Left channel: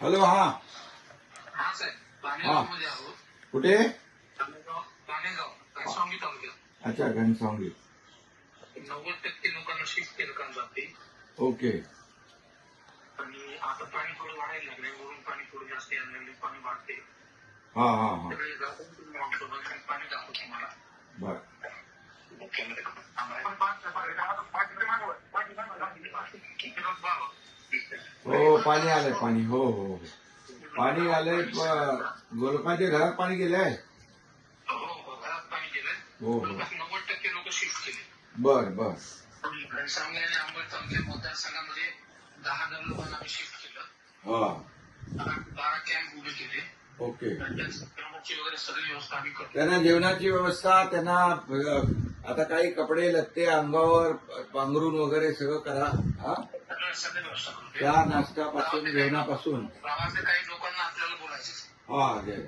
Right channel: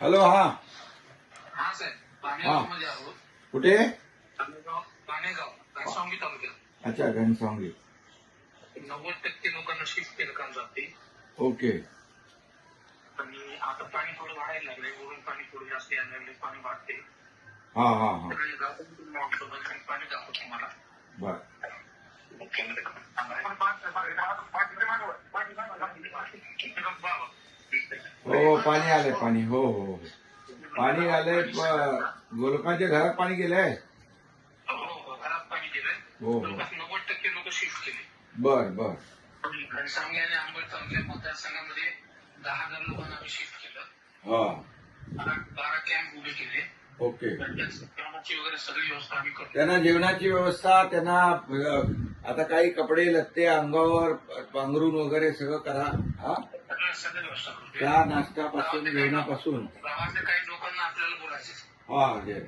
Hello. हा हा साहेब, हा पाणेगावमध्ये आहोत. कुठे? पाणेगाव घनसावंगी तालुक्यात. अच्छा, घनसावंगी. 90% लोकांना शिफ्ट केलं काम जाते. ओके. आणि आता पाणी थोडं वाढायला लागलंय. वरून पाणी थोडं जास्त यायला लागले. पाणी वाढते. हा हा हा सगळे गावातून पाणी दाखवतो तुम्हाला. बर. हो, पाणी आलंय. पाणी हो हो हो. पाणी आलंय. लोकांच्या घरात पाणी गेलंय. हो, घरात पाणी गेलंय. हो हो. जवळपास 90% लोक शिफ्ट केले. बर बर. घनसावंगी आणि अंबड तालुक्या मतदारसंघामध्ये 10,000 लोकांना आम्ही शिफ्ट केलं. हा. 12 कॅम्प उभे केले. ओके. कामाची वगैरे सगळी व्यवस्था आम्ही करतो. त्यांना जेवणाची व्यवस्था, त्यांना आता काही कपडे लत्ते अंगावर पांघरून वगैरे सगळं करा. हा, सगळं व्यवस्था करतो. त्या नाश्त्यापासून जेवणापासून. गावातल्या काही लोकांना आपल्याला बोलायचे. हा जय.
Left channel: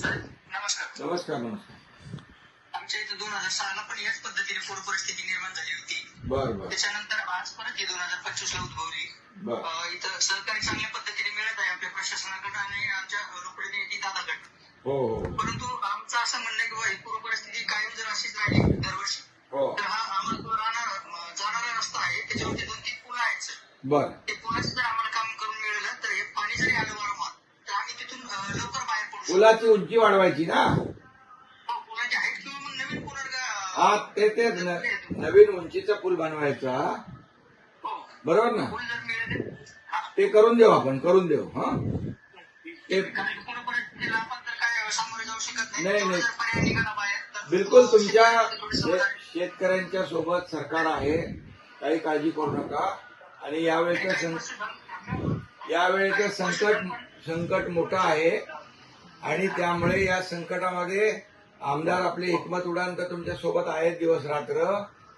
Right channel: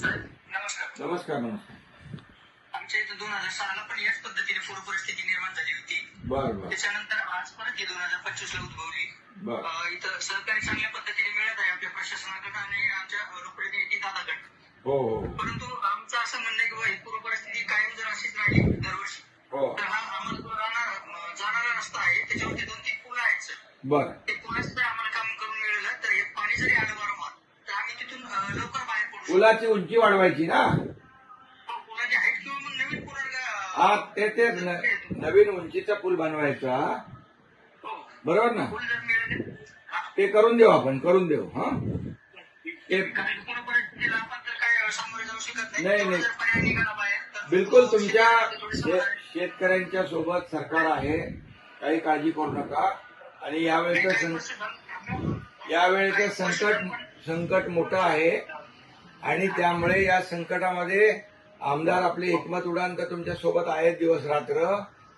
साहेब, नमस्कार. नमस्कार नमस्कार. आमच्या इथं 2006 ला पण याच पद्धतीने पूर परिस्थिती निर्माण झाली होती. बर बर त्याच्यानंतर आज परत 2025 ला उद्भवली. बर. इथं सहकार्य चांगल्या पद्धतीने मिळत आहे आमच्या प्रशासनाकडे आणि आमच्या लोकप्रतिनिधी दादाकडे. हो हो परंतु आमचं असं म्हणणं आहे की बाबा ही पूर परिस्थिती कायम जर अशीच राहिली दरवर्षी, हो. तर हा आम्हाला जो जाणारा रस्ता आहे त्याच्यावरती 2-3 पुलं आहेत सर. बर. ते पुलाचं जर आम्हाला काम करून मिळालं तर हे पाणी जरी आलं वारंवार तर आम्ही तिथून लवकर बाहेर पडू शकतो. पुलाची उंची वाढवायची ना. पुलाची हाईट किंवा मग नवीन पूल हा, ते नवीन उंचीचा पूल बनवायचा. बरोबर ना. पूल जर मिळालं ते करून देऊ, आपण करून देऊ. हा, ते पूर परिस्थितीला आपण तर काय सामोरे जाऊ शकत नाही, नाही. जर पर्याय निघाला बाहेर तर बिलकुल तुमच्या शेतकऱ्यांच्या सोबत सरकार आहे. काही काळजी करू नका. आणि यावेळेचं संकट मोठं आहे आणि त्यामुळे या संकटामध्ये आमदार आपले हिकमत उडान तर तुमच्या सोबत आहेत दिवस रात्र.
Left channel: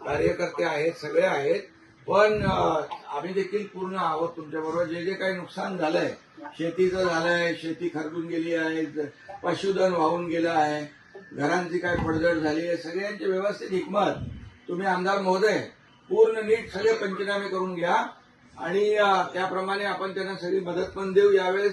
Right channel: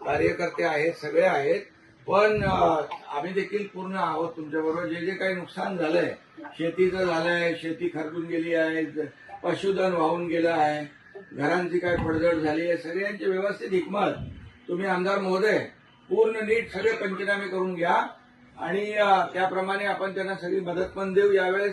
कार्यकर्ते आहेत, सगळे आहेत. पण आम्ही देखील पूर्ण आहोत तुमच्याबरोबर. जे जे काही नुकसान झालंय, शेतीचं झालंय, शेती खरडून गेली आहे, पशुधन वाहून गेलं आहे, घरांची काय पडझड झाली आहे, सगळ्यांची व्यवस्थित हिकमत तुम्ही आमदार महोदय पूर्ण नीट सगळे पंचनामे करून घ्या आणि त्याप्रमाणे आपण त्यांना सगळी मदत पण देऊ यावेळेस.